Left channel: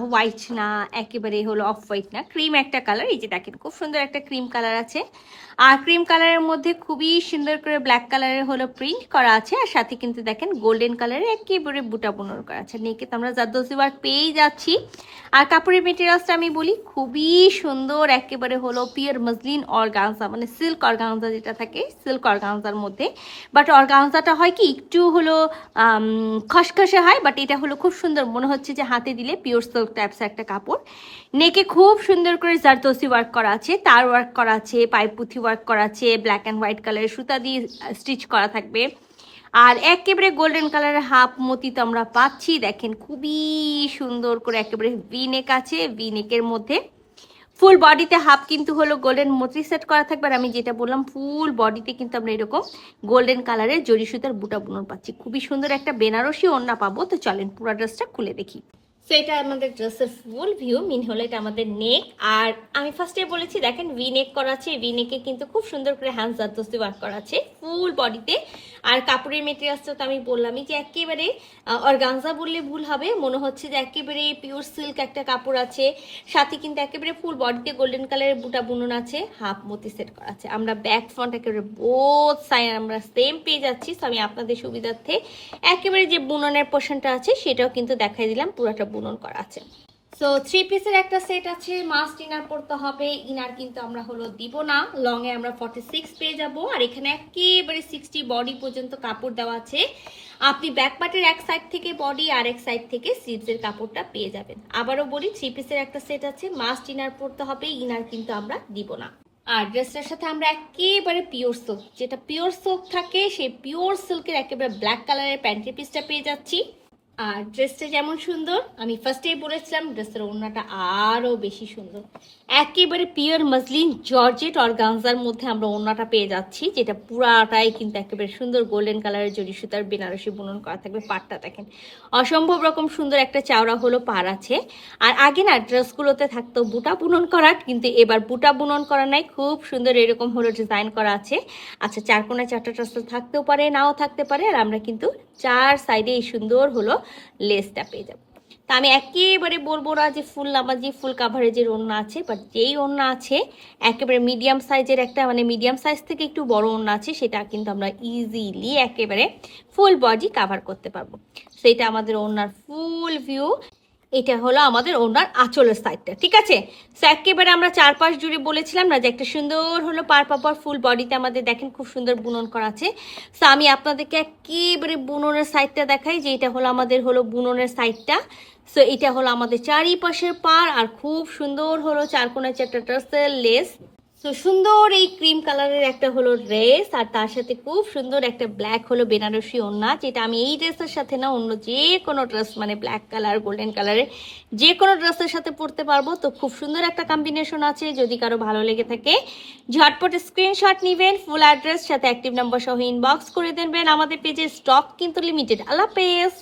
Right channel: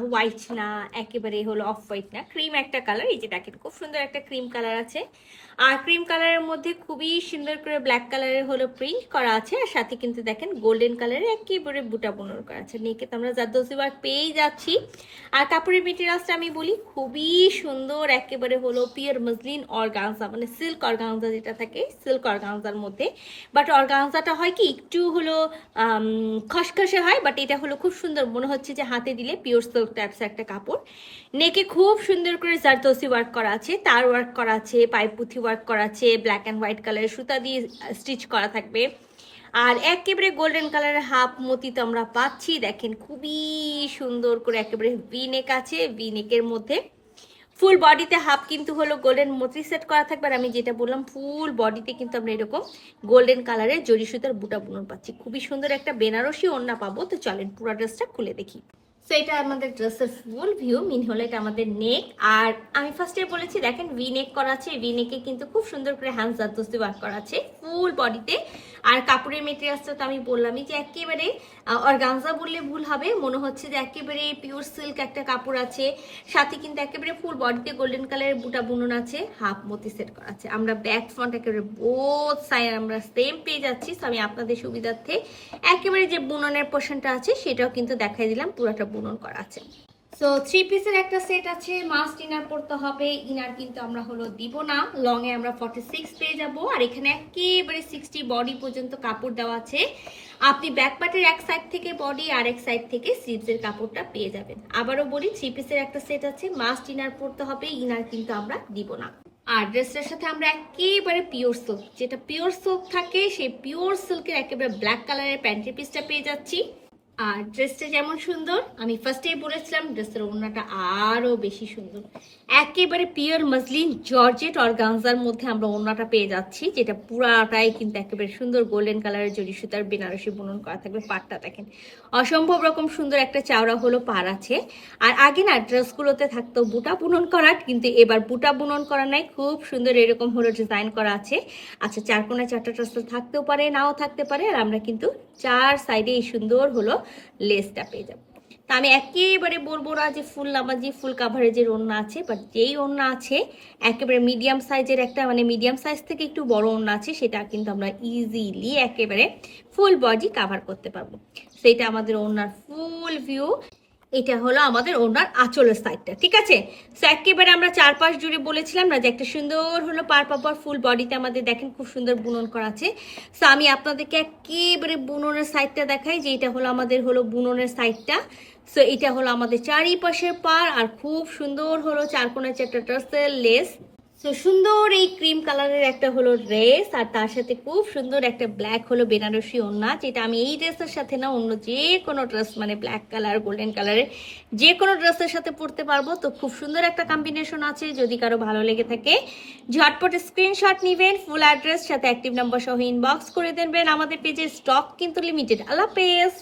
White না, একেবারে হলো অফ হোয়াইট না, ক্রিম একটা কালার। এই যে দেখেন খুব সুন্দর একটা ক্রিম কালার আছে, আর ক্রিম কালারের মধ্যে খুবই সুন্দর করে ব্ল্যাক কালারের হলো প্রিন্ট করা আছে, আর সাথে কিন্তু দেখেন গোল্ডেন কালারের একেবারে বুটা বুনর করা আছে। নেকে তো আমরা জারদোসি ওয়ার্ক পেয়েই যাচ্ছি। আর কাপড়ের মেটেরিয়ালসটা আমি বলি খুবই সুন্দর, একেবারে হলো পিওর মসলিন অর্গানজা, মানে সিল্ক অর্গানজা যেটা থাকে সিল্ক অর্গানজার মধ্যে। বাট অর্গানজাটা হয় কি একটু হলো খসখসে হয়, বাট এটা হলো খুব সুন্দর, মনে হচ্ছে যে হাতে দিলে পিওর সিল্ক টাইপস একটা কাপড়। নেকে খুব সুন্দর করে জারদোসি ওয়ার্ক করা আছে, তার ওয়ার্ক করা আছে, পাইপুথি ওয়ার্ক করা আছে, ব্ল্যাক অ্যান্ড হোয়াইট কালারের সুতা দিয়ে স্টিচ করা থাকবে। আর একেবারে গোল্ডেন কালারের হাফ মতি তো আমরা পাচ্ছি, দেখেন খুবই সুন্দর করে একেবারে ভি নেক আছে, ভি নেকের মধ্যে ফুল বডিতে হাফ কিন্তু হলো গোল্ডেন মতি সেট করা থাকবে। আর আমি যেটা বললাম ফুল বডিতে কিন্তু আমরা এরকম গোল্ডেন কালারের জরি সুতার বুটা বুনন পাচ্ছি, খুবই সুন্দর একটা বেনারসি ওড়না পাবো। তো চলেন পুরো ড্রেসটা খুলে দেখি। সো এটা আমাদের ড্রেসের ফুল ভিউ, মিন হলো এটা আমাদের নেক। আর আমি ফার্স্টে বলেছি দেখেন ভি নেক করা আছে, ভি নেকে কিন্তু খুব সুন্দর করে হ্যান্ড জারদোসি ওয়ার্ক করা আছে ফুল বডিতে। আর কাপড়ের মেটেরিয়ালসটা তো আমি বললামই যে একেবারে অর্গানজা বললে ভুল হবে, মনে হচ্ছে যে একেবারে পিওর সিল্ক একটা কাপড় আছে, সাথে কিন্তু একেবারে ফুল বডিতে গোল্ডেন কালারের বুটা বুনন আছে, হাফ মতি সেট করা আছে। আমরা ব্যাক ফ্রন্ট একেবারে বোথ সাইড আমরা সেম পেয়ে যাচ্ছি। সো আমি আপনাদের সুবিধার্থে একেবারে যে বুননের পোর্শনটা আছে সেটাও কিন্তু দেখাই দিলাম, পুরোটা বুনন করা আছে। সো 3 পিসের একটা সেট আছে, মাস্ট ইনার পড়তে হবে, ইনার কিন্তু আমরা হলো দিব না, লং এ আমরা 46 পেয়ে যাব। আর এখানে একেবারে 60 বডি পর্যন্ত কাপড় দেওয়া আছে, আপনি ব্যাক পার্টের এক সাইড থেকে বডি আর এক সাইড থেকে স্লিভসের কাপড়টা পেয়ে যাবেন। আবারও বলি 3 পিসের একটা সেট আছে, মাস্ট ইনার পড়তে হবে, ইনার কিন্তু আমরা দিব না। আর ড্রেসটার সাথে আমরা একেবারে পিওর সিল্ক, যেটা পিওর সিল্ক থাকে সেই পিওর সিল্কের একেবারে ব্ল্যাক কালারের প্যান্টি পিসটা পেয়ে যাচ্ছি। আর ড্রেসটা যেমন সুন্দর, আমি ফার্স্টেই বলেছিলাম ড্রেসের ওড়নাটা আরো বেশি সুন্দর, একেবারে পিওর মসলিন জর্জেট অর্গানজার মধ্যে আমরা ওড়নাটা পেয়ে যাচ্ছি, যেটা পুরাটাই কিন্তু একেবারে সুন্দর গোল্ডেন কালারের জরি সুতার বেনারসি বুনন করা থাকবে। পাড়টা দেখেন অসম্ভব রকম সুন্দর একটা চাওড়া হলো পাড় আছে। আর আগে না ড্রেসগুলোতে থাকতো বুটা বুনন করা, কিন্তু এবার বুটা বুনন করা নাই, খুব সুন্দর এরকম হলো ডিজাইন করা আছে। আচ্ছা, চার কোণায় চারটা টাসেল থাকতেও পারে, নাও থাকতে পারে। আর আমরা কিন্তু চার সাইডে এই সুন্দর হলো লেসটা পেয়ে যাবো। তা আমি একেবারে বলবো না যে ফুল নামাজি ফুল কাভারেজের ওড়না আছে, বাট যেই ওড়না আছে একেবারে মিডিয়াম সাইজের একটা, মানে মিডিয়াম সাইজ থেকে একটু বড় ওড়না আছে, সেটা কিন্তু আমরা ইজিলি একেবারে ফুল বডি কাভার করতে পারবো। সেটা আমাদের ওড়নার ফুল ভিউ। এটা হলো আমাদের ওড়নার আঁচলের সাইডটা, ঠিক আছে। সো একেবারে আমরা চারপাশ জুড়ে বলেছিলাম না যে একটা সুন্দর হলো পার পার ফুল বডিতে আমাদের দেখেন খুব সুন্দর বুনন করা আছে। সো আমি আপনাদেরকে একেবারে বুননের সাইডটা দেখাই, যে এটা হলো আমাদের হলো বুননের সাইডটা। সো এটা হলো আমাদের চারিপাশের পার, আর খুব সুন্দর হলো চার কোণায় চারটা টাসেল লেস। তো সুন্দর এই ক্রিম কালারের একটা হলো ড্রেস, আর তার সাথে খুব সুন্দর একটা ব্ল্যাক হলো বেনারসি ওড়না, যেটা আমি এই ড্রেসের সাথে না অন্য যে কোনো ড্রেস, মানে ব্ল্যাক কালার গোল্ডেন কালারের যে কোনো ড্রেসের সাথে পরতে পারবো। তো খুব সুন্দর একটা কম্বিনেশন আছে, যদি কারো ভালো লেগে থাকে ঝটপট স্ক্রিনশট নিবেন, ফুল অ্যাড্রেস সাথে অ্যাক্টিভ নাম্বার সহ ইনবক্স করে দেবেন। আমাদের পেজে স্টক কিন্তু লিমিটেড। আল্লাহ হাফেজ।